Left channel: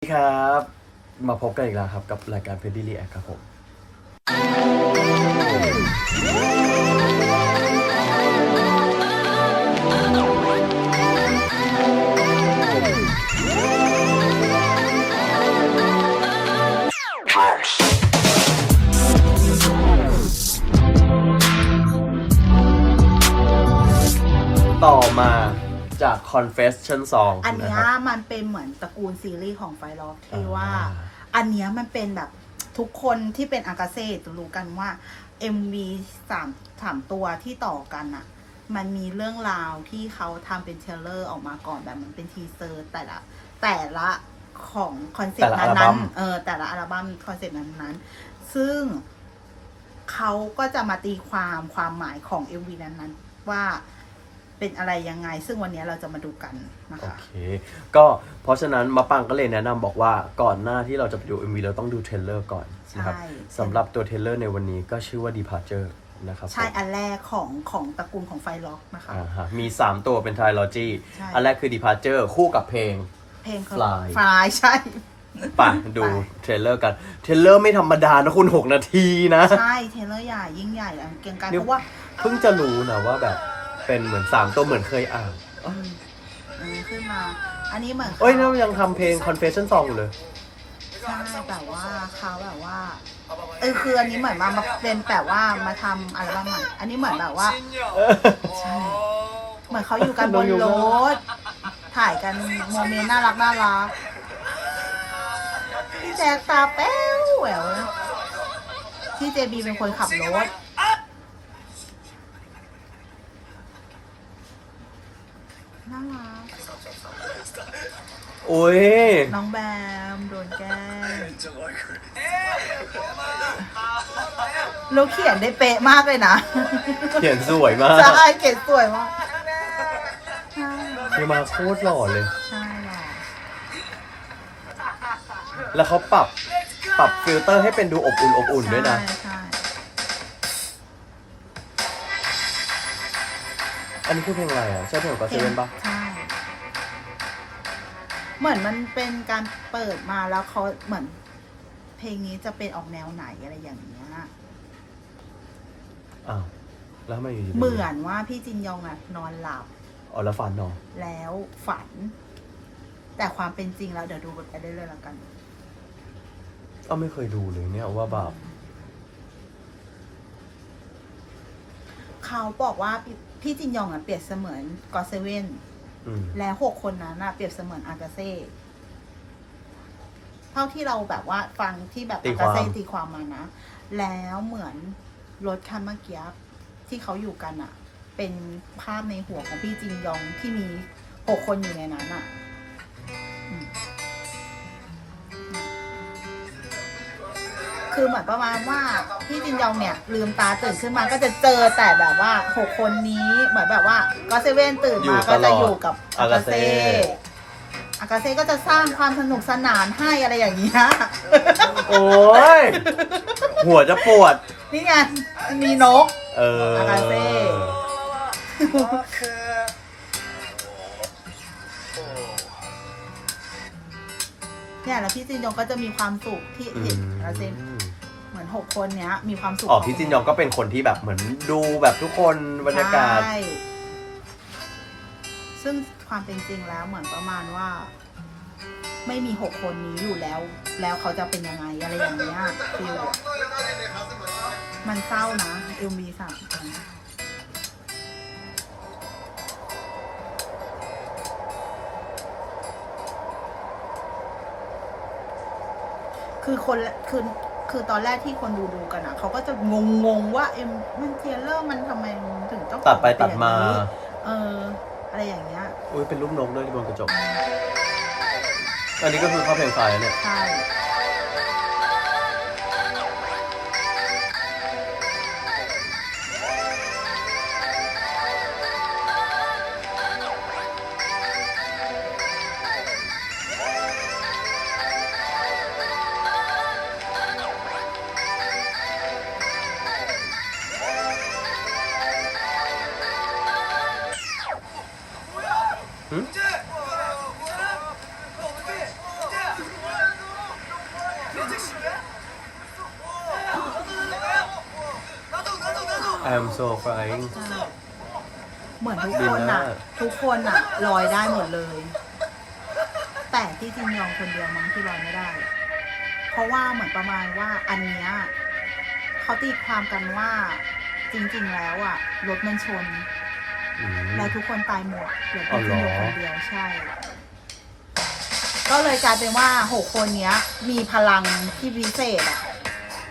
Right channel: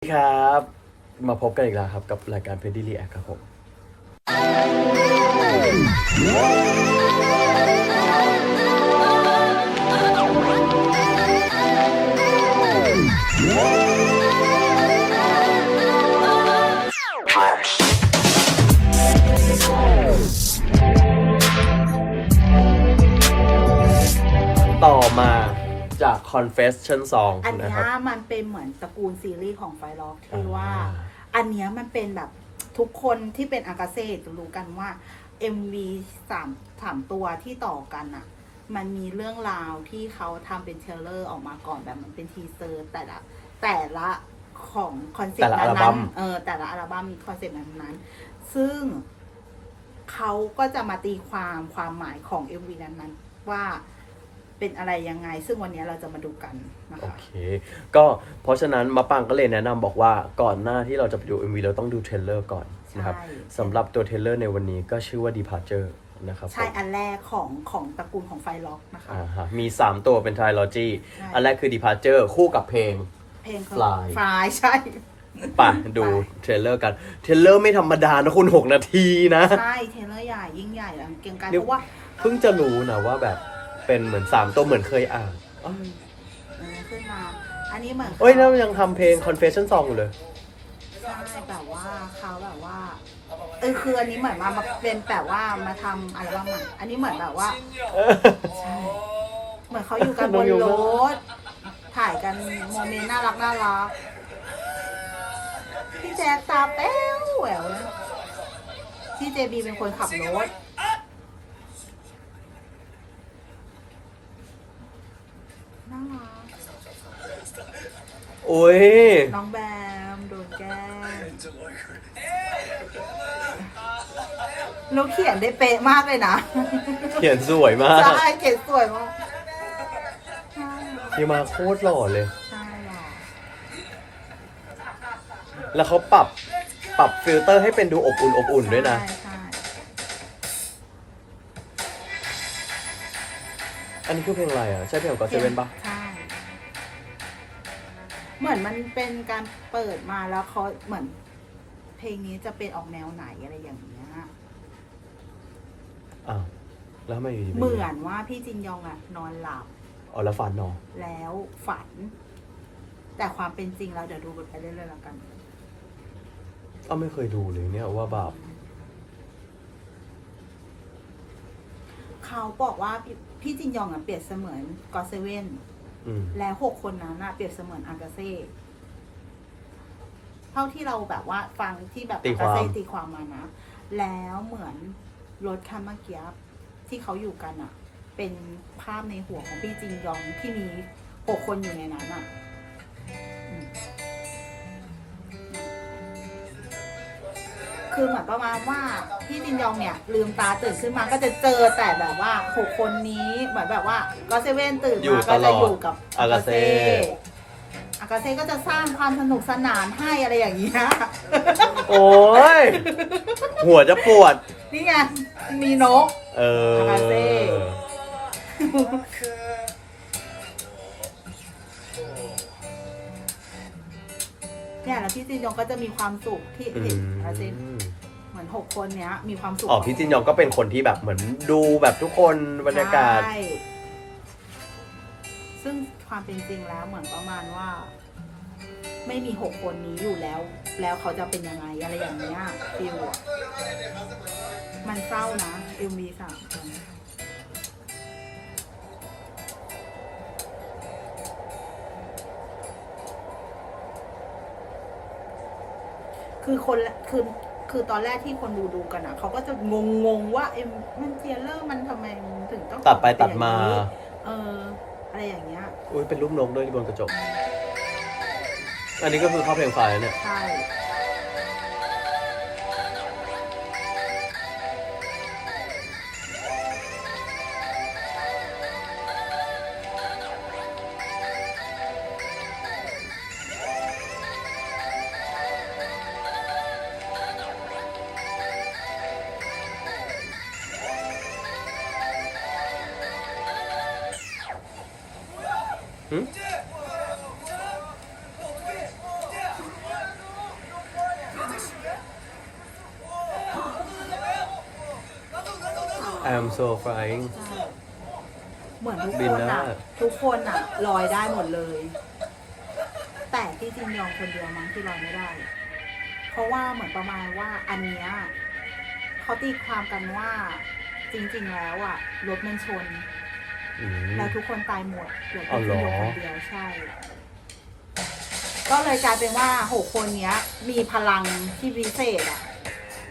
สวัสดีครับ มาพบกันอีกแล้วครับ กับรายการเพ d ดี้รีแอคครับผม ต่อมา จาก Confession Song อันนะเนี้คยรับมันเป็นเหมือนตระกูลซีรีส์ของไฟล็อกที่อ่าว่า อันเนี้ยมันเป็นแบบทุกคนที่เป็นอากาเซ่จะรู้กันว่า MV สามสามตัวที่ต่อกันอะมันมีเรื่องราวที่เขาทำเป็นเทรลเลอร์ออกมาก่อนแบบมันเป็นทีเซอร์แต่ละ แต่ละของคอนเซ็ปแต่ต์ละอัลนั้บั้นมๆเออแต่ละอัลบั้มคอนเซ็ปต์นั้นๆ ซึ่งเขาก็จะมาตีความความหมายของ MV นั้นๆว่า เป็นอะไรยังไง ซึ่งวันนี้เราจะมาดูกันนะโอคะ เค ก็เพราะฉะนั้นมะปังก็เลยแนะนำบอกว่าก่อนหน้าที่เราจะไปดู MV เราต้องดูเทรลเลอร์ก่อนนะครับใช่ สำหรับตัวเทรลเลอร์ในวันนี้ก็ชื่อว่า Departure นะครับใช่ผมอันแรกของของตระกูลของไฟล็อกนะคะ อ่าฮะมี 3 ตัวเป็น Trilogy ใช่ อันแรกคือ Departure คู่กับเพลง เพลงเขา Fly ฟลายใช่ ไปดูเทรลเลอร์กันเทรลเลอร์ไม่ธรรมดานะคุณ 6 นาทีนะ ใช่เทรลเลอร์ใหญ่ยิ่งใหญ่แล้วเกรียงไกรเดี๋เพยว ราะว่า เพิ่งจะรู้นะว่าแบบ เป็นเหมือน3ตัวเหมือนเคยอ่านอืมมันขึ้นมา อันนี้เหมือนเอ้ยนั่นยังทำเพลง Confession Song อยู่เลย ใช่แบบว่าเขาแบบว่าเออคืออันนี้เหมือนมามาเป็นแบบว่ามาทำอัลบั้มใหม่ อันนี้เหมือนแบบว่า ใช่ เหมือนเขาอยู่กันบน้องนยูรมากถถ่ายกันโมเมนต์น่ารักน่ารัก พี่แจ๊คตาแป้วแหววนะที่เจบีเป็นคนขับรถ น่ารักโอ้ย น้องแบมโดนแกล้งแล้วเขียนได้เป๊ะมากเลยนะเขียนสวยมากใช่เขียนสวยมากใช่ที่มาโคตรหล่อเลย ใช่หรอแล้วเขาปรับปรับฟิลเตอร์ให้เป็นดูอบอุ่นอบอุ่นด้วยนะ ใช่ อันนี้คือเพลงอะไรอะ ใช่เพลงของก็เซเว่นปะใช่ เหมือนมันเป็นการเปิดมาแล้วเขาเหมือน เพลงนี้จะเป็นออกแนวไหนอะไรอย่างเงี้ย อ้าวแล้วทำไมอยู่ดีป็เหมือนว่าพี่จินยองอะนอนหลับอ๋อแล้วฝันเนาะแล้วฝัน แต่ความเป็นจริงแล้วเดี๋ยวดูกันไปเรื่อยๆแล้วกัน อ้าวไม่เคยดูเลยเนี่ยว่าแบบ เขาบอกว่าพี่พี่จินยองอะเปรียบเสมือนกอเซเว่นอืมและหกคนนั้นน่ะเปรียบเสมือนอากาเซ่เท่าที่เราแบบว่าฟังที่แบบตีอากาวคาม เซ่ตีความมานะ แล้วเหมือนรถคันเมื่อกี้ที่เขาอยู่กันอะเป็นภาพในหัวของพี่จินยองที่มีหกคนอยู่ในนั้นอะอืม คือเหมือนประมาณว่าพี่จินยองเนี่ยลืมตาตื่นขึ้นมาก็จะเจอแต่แบบว่าหกคนนี้เหมือนแบบว่าก็เซเว่นตื่นอยู่มาตก็ลจะออยู่ดกับอากาเซ่ อากาเซ่ก็จะสร้างความสนุกสนานให้อะไรอย่างเงี้ยโอ้ย หัวจะปวด นี่ไงมีนก เออ อากาเซ่ เนี่ยแล้วพี่จินยองก็จะมีความสุขที่อืเห็นมอากาเซ่เหมือนหกคนเนี้ยมีความสุขอ๋อพี่จินยองก็เป็นคนที่แบบเหมือนดูแบบทุกคนบรรยากาศ ใช่ ซึ่งความเป็นจริงแล้วเหมือนประมาณว่า ไม่มีหกคนนี้อยู่แล้ว แล้วเขาจะเป็นยังไงอะไรอย่างเงี้ยฟิลอะมันเศร้านะเอ็มบีสามคน คือคนละคือคือตอนแรกที่คนดูดูกันอะเขาก็จะงงงๆว่าเอ็มมันเทรลเลอร์มันทำไมถึงต้องตัดไปตัดมาเป็นอย่งนี้เออ อะไรอย่างเงี้ยอุ้ยเป็นรูปนกด้วยที่บนกระจก อันนี้ก็คือเข้าเพลงไฟล์แล้วเนี่ย ใช่ I'm so flying ใช่เหมือนทุกบิคนนได้อะทุกคนอะลอยได้หมดเลย แต่พี่จินยองคนเดียวมั้งที่ลอยไม่ได้ เพราะว่าเหมือนประมาณว่าอันเนี้ยเขาตีความกันว่าจริงๆแล้วอะรถมันชน อืม แล้วทุกคนตายหมดเหลืออ๋อพี่เหรจินอยองคนเดียวใช่ ก็เลยกลายเป็นว่าหกคนเนี้ย มีพลังที่พิเศษอะ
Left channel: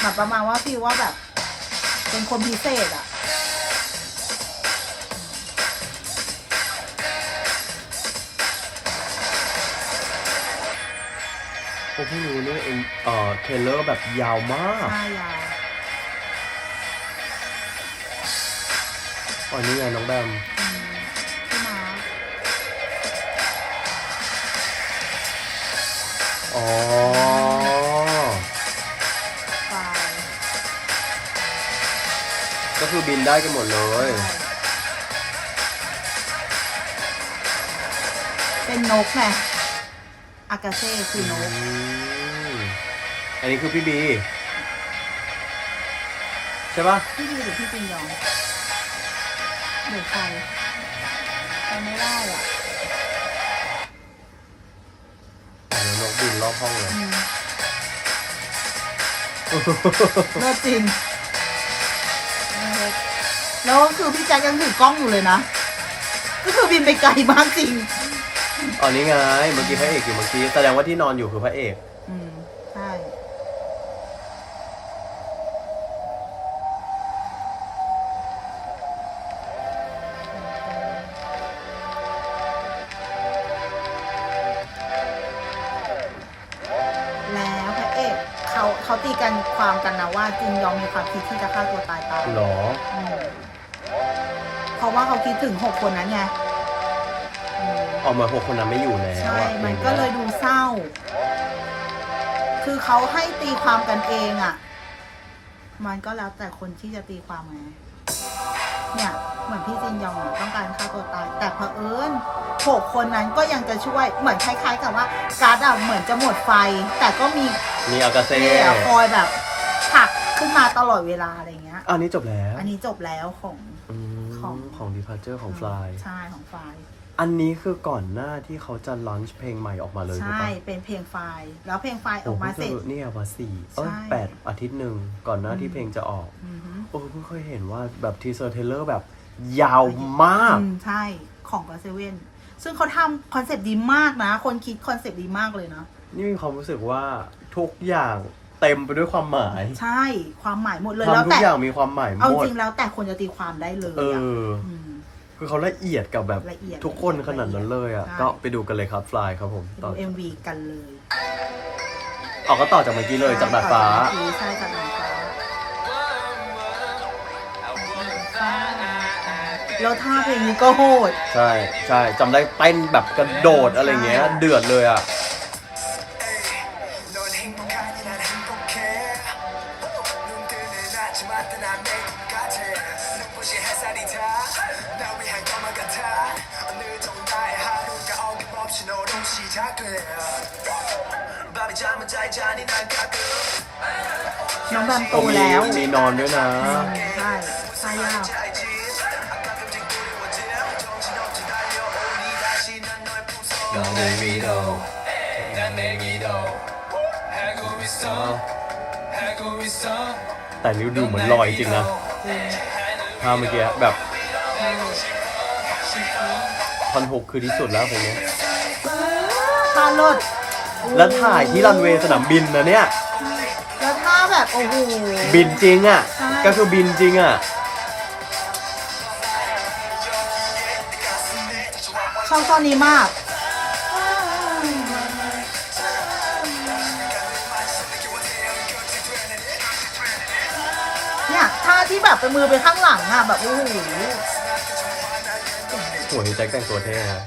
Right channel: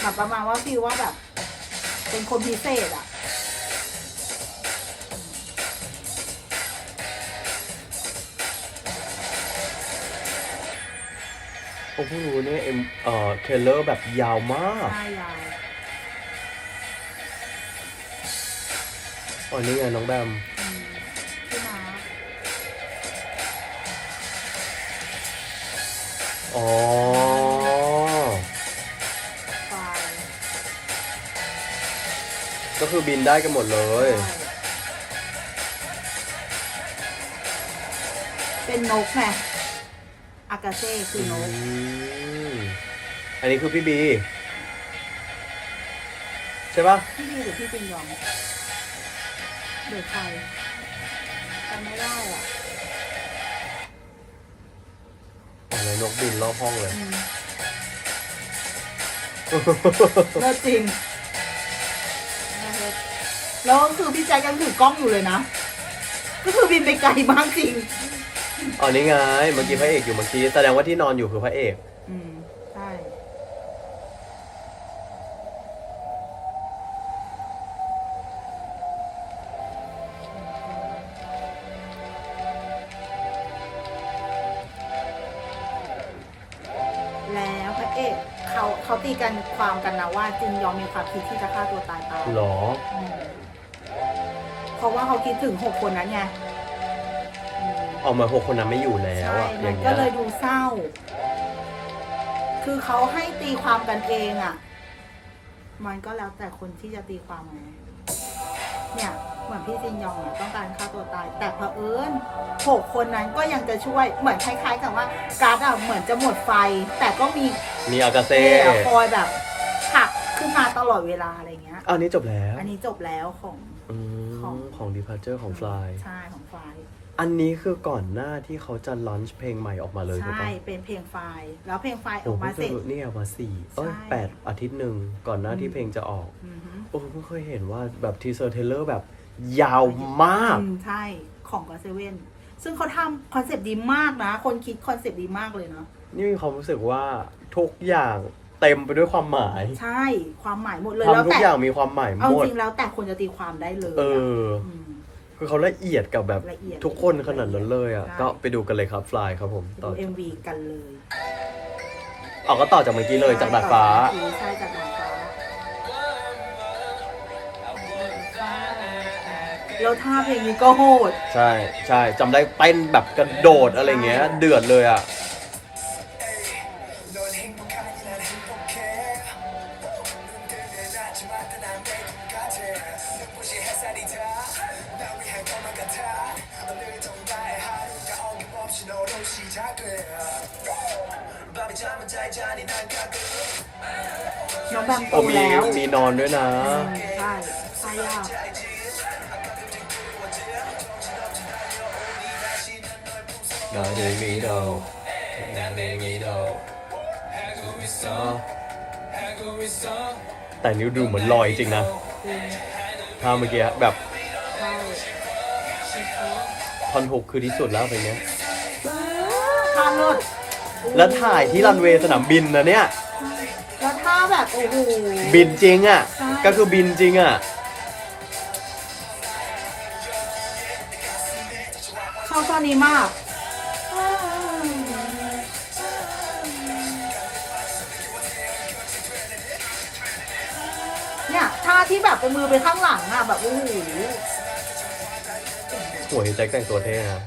แบบประมาณว่าพี่ว่าแบบ เป็นคนพิเศษอะผมเพิ่งรู้เนี่ยเอ็มเอ่อเทเลอร์แบบยาวมากหน้ายาว อ๋อนี่ไงน้องแบม อืมพี่มาร์คอ๋อ ก็คือบินได้กันหมดเลยใช่เป็นนกไงอากาเซ่คือนกมอันนี้คือพี่บี ใช่ปะพี่ดีหรือพี่จินยองหรือใครจำไม่ได้อะอ๋อแล้วนกบินรอบห้องเลยอืมเลิศจริงเลิศ แล้วก็คือพี่แจ็คยังถือกล้องอยู่เลยนะ ก็คือบินไปไกลมากจริง อ๋อนี่ไง เมื่อกี้พระเอกอยู่เมื่อกี้แสดงว่าที่นอนอยู่คือพระเอก อืม ใช่ แล้วพระเอก เขาเขาตีกันความกันนะว่าจินยองมีความคิดที่จะฆ่าตัวตายตายหรออืมเพราะว่าเขาคิดถึงหกคนนั้นไงอืมออกมาพวกคนนั้นไม่อยู่แล้วใช่อะอมันย่างก็เงี้ยเลยดูเศร้า คือเขาให้ตีความกันเองอะ่ะ มันก็แล้วแต่คนที่จะตีความไง เนี่ยเหมือนพี่จินยองอะต้องการฆ่าตัวตาย แต่เผอิญหกคนนั้นก็ยังจะช่วยเหมือนคล้ายๆ กับว่าการ์ดอะเหมือนจะหมดไฟ แต่ก็มีมีอากาเซ่เท่คอยแบบผลัก ขึ้นมาตลอดเวลาอะไรเงี้ย อันนี้จบแล้วอันนี้จบแล้วของอืมของของ Departure ของ Fly ใช่ของไฟล์อันนี้คือก่อนหน้าที่เขาจะลอนช์เพลงใหม่ออกมาเลยถูกใช่ปะเป็นเพลงไฟล์แล้วเพลงไฟล์อโอ้อกเพิ่มางเสร็จจะเนี่ยมาสี่เอ้ยใช่แปดอาทิตย์หนึ่งก่อนหน้าที่อืม เพลงจะออก อือฮึโอ้เพิ่งเคยเห็นว่าแบบทีเซอร์เทเลอร์แบบยาวมาก อืมใช่ของก็เซเว่นซึ่งเขาทำคอนเซปต์ดีมากนะ คนคิดคอนเซปต์ดีมากเลยนะนี่มีความรู้สึกว่าทุกอย่าง เต็มไปด้วยความหมายใช่ความหมายหมดเลยแล้วทำทุกแต่อย่างมีความหมายเอาหมด จริงแล้วแต่คนจะตีความได้เลยเออะอ ม คือเขาละเอียดกับแบบละเอียดทุกคนขนาดนั้นเลยอะ ใช่ ก็ไปดูกันเลยครับ Fly ครับผมไปต่อดูเอ็มวีกันเลยออกก็ต่อจากเมื่อกี้เลยจากดาดฟ้า ใช่จากดาดฟ้าแล้วท่าเพลงนี้ก็โหด ใช่ใช่จำได้เต้นแบบกระโดดอะไรเงี้ย เดือดเลยอะ น้องแบมโตมีแล้วมีนอนด้วยนะ ใช่ใช่ยากนอนในมีดนอนในมีดแต่นิ้วดูเหมือนลอยจริงนะท่าเมื่อกี้แบบทอนหกคือที่สุดแล้วอย่างเงี้ยตาลดแล้วถ่ายที่รันเวย์สนามบินนะเนี่ย บโอ้โหบินจริงอะก็คือบินจริงอะ ชอบตอนนี้มาก เนี่ยท่าที่แบบไปมือไปข้างหลังอะแบบโอ้โหโอ้ยแจ็คแต่งตัวเท่นะ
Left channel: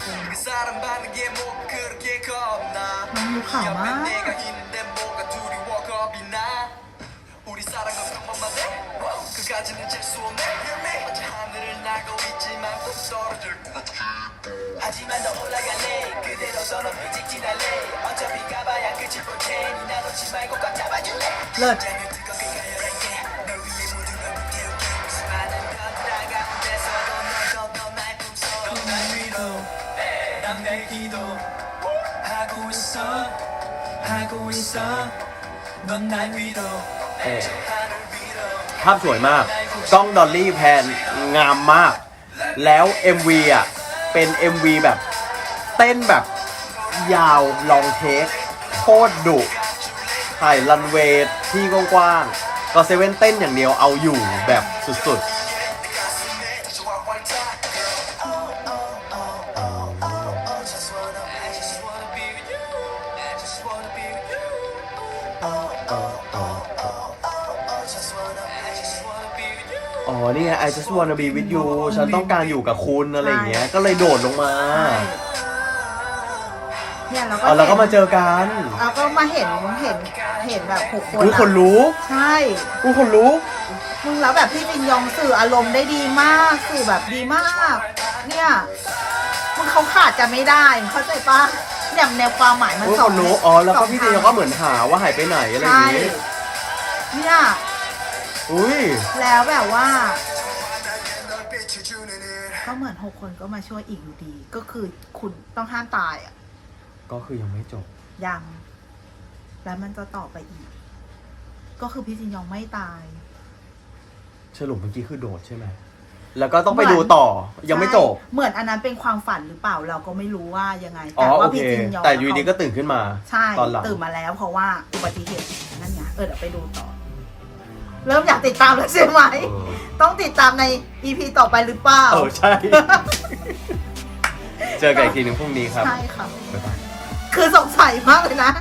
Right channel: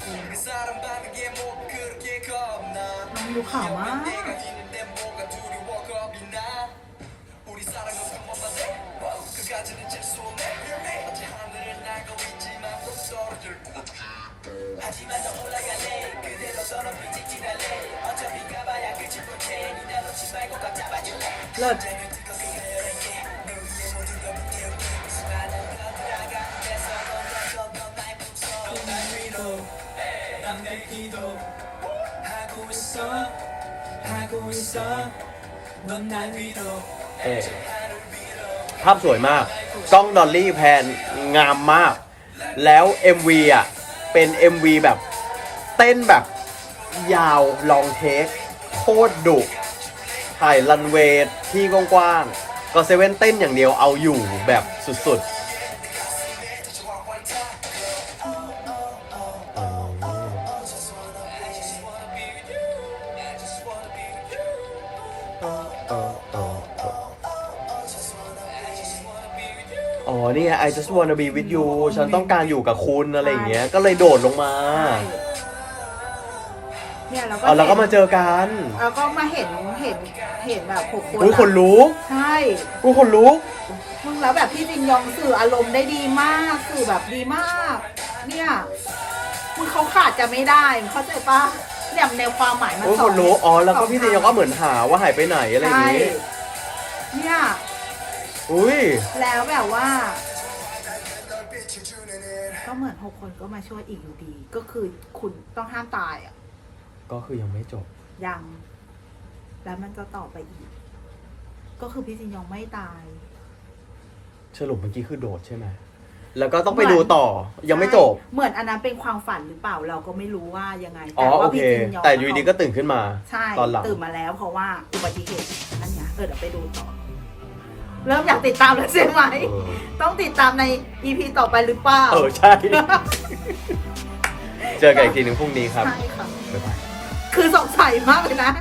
น้องดูขาวมาก เลิศเออภาพสวยมาก กล้องดอลลี่แพนงามมาก แล้ว MV อะ เป็น MV แบบ เต้นแบบยาวลองเทคโคตรดุ ถ่ายรันเวย์ที่กว้างๆก็เซเว่นเต้นอย่างเดียวเอาอยู่แบบสุดๆ อ๋อนี่ไง I just wanna be with you ฉันต้องการอยู่กับคุณอะไรอย่างเงี้ย ก็เลยโดดลงมา ใช่ เนี่ยเราก็เราก็มาเจอกันเราก็มาเห็นเห็นเห็นแบบหกคนอุ้ยคนรู้ใช่อุ้ยคนรู้ มึงแล้วแบบพี่จินยองสื่ออารมณ์ได้ดีมากคือแบบดีมาก เนี่ยมึงเขาขาดกันไม่ได้มึงเข้าใจปะเนี่ยแนวความหมายมันสคองรู้ อ๋อ แล้วก็พี่จินยองก็เหมือนหาว่าหายไปไหนอะไรอย่างเงี้ยเนี่ย อุ้ย แล้วแบบว่า ก็เหมือนหกคนก็มาช่วยอีกอยู่ดี ก็คือคุณต้องห้ามตายอะ ก็คือยังไม่จบ ยัง แล้วมันจะต่อไปอีก ก็คือพี่จินยองไม่ตาย สรุปเมื่อกี้คือโดดใช่ไหม แล้วก็ต้องไปดูต่อ ยังไม่จบ ใช่เหมือนอันนั้นเป็นความฝันหรือเปล่าเราก็ไม่รู้ว่ายังไงอ๋อ แต่โอว่าเค พี่จินยองแต่อยูดีก็ตื่นขึ้นมา ใช่ตอนหลัง ตื่นมาแล้วเพราะว่าอุบัติเหตุนั่นไงเออเดี๋ยวไปดูต่อ เริ่มอยากติดตามแล้วใช่ไหม เออ ต้องติดตามใน EP ต่อไปหรือเปล่าเออ ใช่ เจอกันอีกทีหนึ่งพรุ่งนี้ครับ ใช่ค่ะ บ๊ายบาย คือสงสัยมากเลยนะ